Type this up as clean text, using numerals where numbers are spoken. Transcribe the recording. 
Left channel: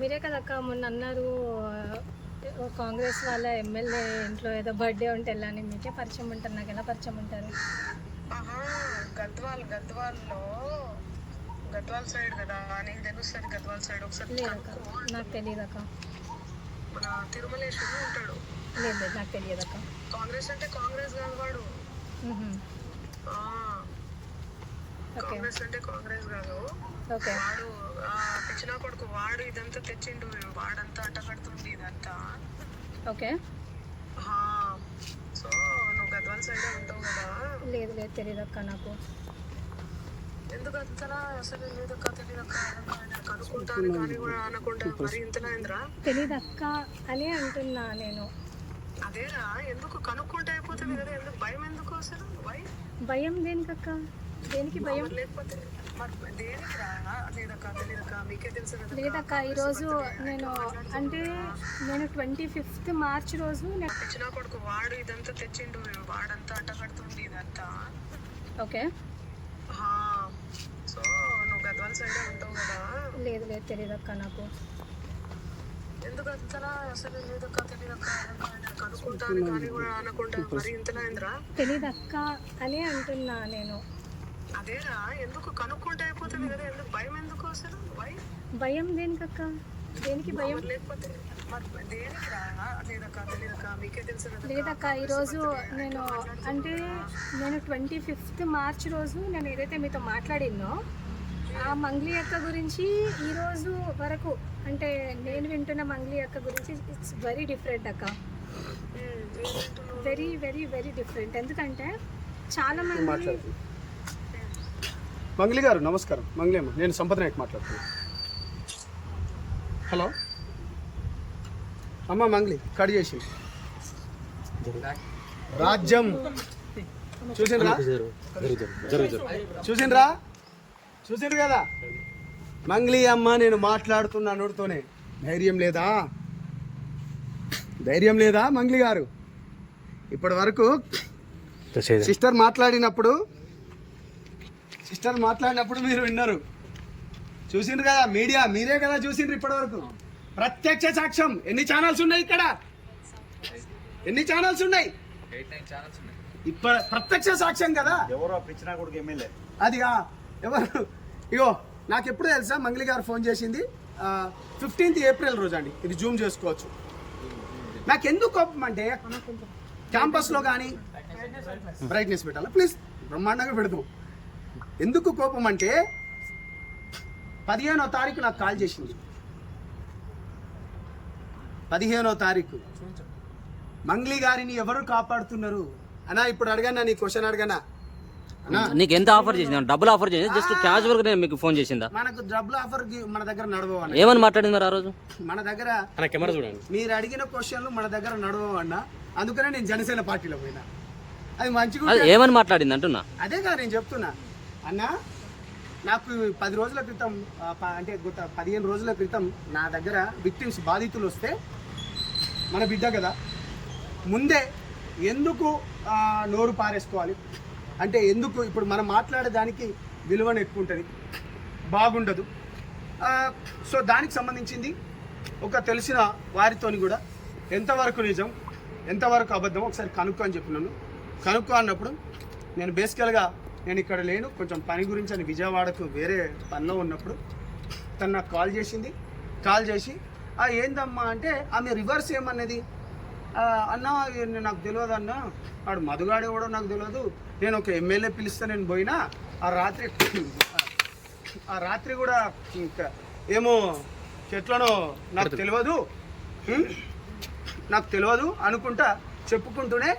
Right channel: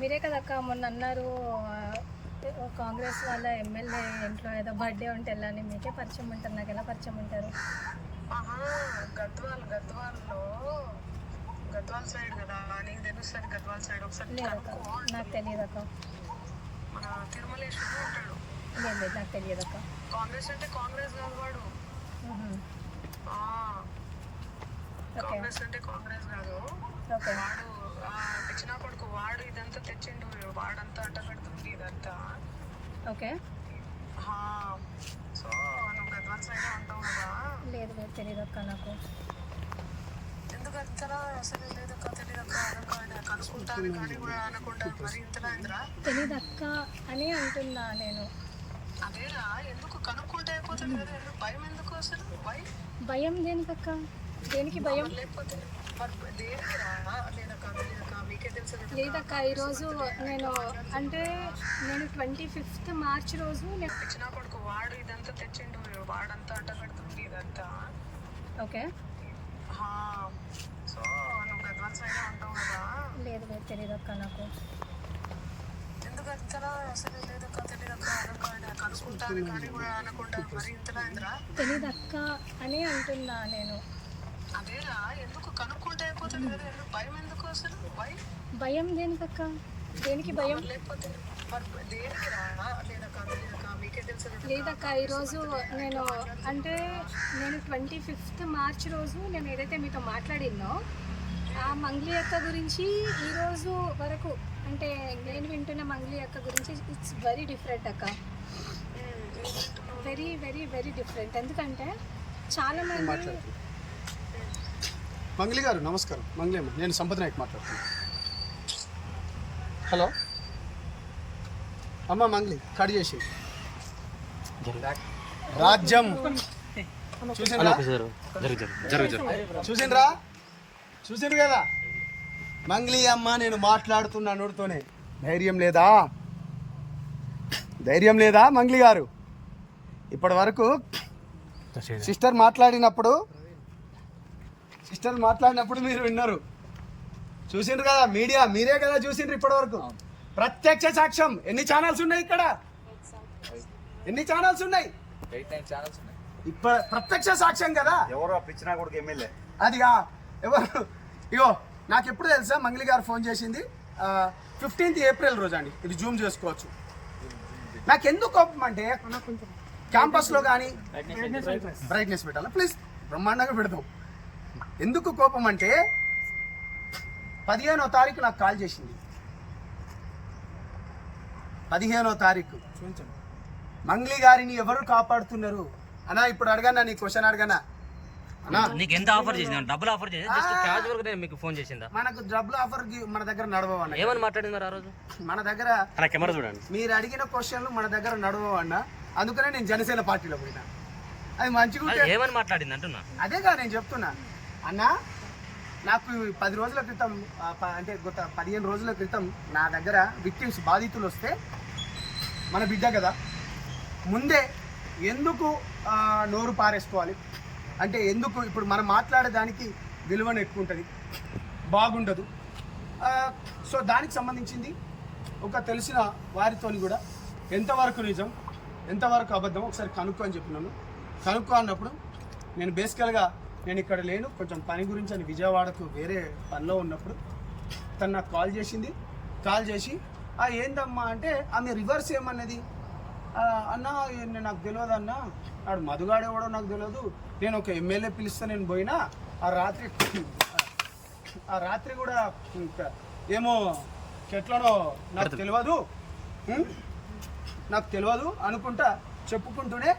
మీరే కదక్క మొన్న అన్నారు కాంగ్రెస్ వాళ్ళ ఎమ్మెల్యే ఇంట్లో ఏదో బర్త్డే ఉంటే వెళ్ళాని. మీకే పరిచయం ఉంటారు, నాకు ఎలా పరిచయం ఉంటారు? గద్వాల్ సైడ్ కదా, నీకు తెలుస్తుంది. గద్వాల్ సైడ్ ఒకసారి లేదక్క, నాకు తెలియదక్క. మన తిరుమలేశ్వరుడు ఉంటాడు. లేదు నాకు తెలియదక్క. కాంగ్రెస్ అంటే కాంగ్రెస్ కాదు వాడు. కాంగ్రెస్ అంటే కాంగ్రెస్ కాదు వాడు. పిచ్చినా కొడుకు వాడు. ఇదంతా తెచ్చిండు వాడంతా అంటగడుతుండి ఇదంతా. ఓకే. సో నువ్వు గద్వాల్ సైడే ఉంటావు కదా? లేదు లేదు తెలియదక్క నాకు. ఎందుకు అంతలా అసలు లేదక్క, తెలియదక్క కనుక్కుంటాను కానీ కూడా అనకుండా మరి ఇంతలా ఏంద్రా? తెలియదక్క అని అంటున్నా నేను. అదేరా, ఎందుకు కనుక్కుంటే అయిపోతుంది కదా, ఎందుకు భయం? ఎందుకు అసలు భయం దేనికక్క? దేనికి భయం? లేకపోతే దేనికి రా? లేదక్క తెలియదక్క, మీకే తెలుసు కదా. లేదక్క, ఈరోజు నేను 25th మార్చ్ రోజు పిచ్చినా కొడుకు వాడు ఇదంతా తెచ్చిండు వాడంతా అంటగడుతుండి ఇదంతా. ఓకే. సో నువ్వు గద్వాల్ సైడే ఉంటావు కదా? లేదు లేదు తెలియదక్క నాకు. ఎందుకు అంతలా అసలు లేదక్క, తెలియదక్క కనుక్కుంటాను కానీ కూడా అనకుండా మరి ఇంతలా ఏంద్రా? తెలియదక్క అని అంటున్నా నేను. అదేరా, ఎందుకు కనుక్కుంటే అయిపోతుంది కదా, ఎందుకు భయం? ఎందుకు అసలు భయం దేనికక్క? దేనికి భయం? లేకపోతే దేనికి రా? లేదక్క తెలియదక్క, మీకే తెలుసు కదా. లేదక్క, ఈరోజు నేను 25th మార్చ్ రోజు నేను ఏదైతే మీతో మాట్లాడినో ఆ మంగ్లీ అక్క గురించి ఈరోజు వరకు అంటే నేను వింటున్న మంగ్లీ అక్క గురించి ఇట్స్ వెరీ డిఫరెంట్ అక్క. Very very very different. ఎందుకంటే చాలా మంది. మంగ్లీ గారు నమస్కారం. మంగ్లీ అమ్మ, నేను సంపద నాయక్ మాట్లాడుతున్నాను. హలో అమ్మ, మంగ్లీ కట్ చేసి రాజ్యం చూసిండ్రా? చూసిండ్రు కదా మంగ్లీ అమ్మ, నేను మాట్లాడుతున్నా నోటితోనే. ధైర్యం లేదా మంగ్లీ గారు? ఇప్పటి వరకు సిస్టర్ మాట్లాడినప్పుడు మీరు విన్నారు, చూసిండ్రు కదా. మీడియా మీరే కదా చూసిండ్రు ఇప్పటి వరకు. ప్రత్యక్ష సాక్ష్యం. ఎన్ని ఛానల్స్ ఉన్నాయి ఇక్కడ? ఎన్ని ఛానల్స్ ఉన్నాయి? ఇప్పుడు ప్రత్యక్ష సాక్ష్యం కదా. అదిగా ఎవరు? ఇగో నాకు ఎప్పుడు తెలుసా మంగ్లీ గారు ఫోన్ చేసింది 15th ఏప్రిల్ రోజు అండి. ఇది జూమ్ చేసుకోవచ్చు. నాకు ఎందుకు కోపం అంటే క్యాంపస్లో కానీ బ్రైట్నెస్ పెట్టాలా ప్లీజ్, బ్రహ్మాండంగా పెడతాం. ఎందుకు కోపం అంటే 15వ తారీఖు నాకు కాల్ చేసింది. 15వ తారీఖు మంగ్లీ గారిని ఎవరు కాపాడుతున్నారు అన్నా? ఇప్పుడు అడగన్నా, నీ క్వశ్చన్ అడగనా అన్నా? నీకు ఎంత ఆఫర్ చేసింది? డబ్బులు ఆఫర్ చేసి జస్ట్ క్యాజువల్ గా మీకు ఫోన్ చేసిందా? మనకు డబ్బులు ఆఫర్ మన దగ్గర నడవన్నా. ఏమని మాట్లాడింది ఆ రోజు? మన దగ్గర కెమెరా చూడండి, మీరు అడిగిన క్వశ్చన్లు మన దగ్గర నడవన్నా. అందుకనే నేను జనసేన పార్టీలో పోయినా. అది మంచిగా ఏమని మాట్లాడింది అంటున్నా. అదేగా నేను చెప్తున్నా అన్నా. నాకు 10 రోజుల క్రితం అంటే గత 15 రోజుల క్రితం నా దగ్గర విక్టిమ్స్ బాధితులు వస్తే, మన బిడ్డ కదా, ముందే ఎందుకు నోరు పారేసుకోవాలి అంటే, ఎందుకు ఇప్పుడు మనం మాట్లాడేదానికి విలువను ఎక్కువ ఉంటుంది, బాగుండదు. సో దానికి సంబంధించింది ఒక తెలిసిన వారితోని కూడా ఎంతవరకు నిజం ఎంతవరకు అబద్ధం ఒకసారి కనుక్కో అని చెప్పినాను. కనుక్కో అన్నప్పుడు నేను బేసికల్గా నేను ఇక్కడ లేను, కొంచెం పని గురించి అని విజయవాడకు వేరే పనిలో ఉన్నప్పుడు తను నాకు కాల్ చేసింది. కాల్ చేసి ఏందమ్మా అంటే ఆమె రివర్స్ ఏమన్నది, అన్న నాకు తెలియదు అన్న, ఆడు మధుగాడేవాడో నాకు తెలియదు, నేను ఒక ఎమ్మెల్యే పిలిస్తే నేను పోయినా, ఆ రాత్రి కూడా ఇంకా ఏమో చెట్లనో నాకు తెలియదు అనుకుంటా చెప్పుకుంటూనే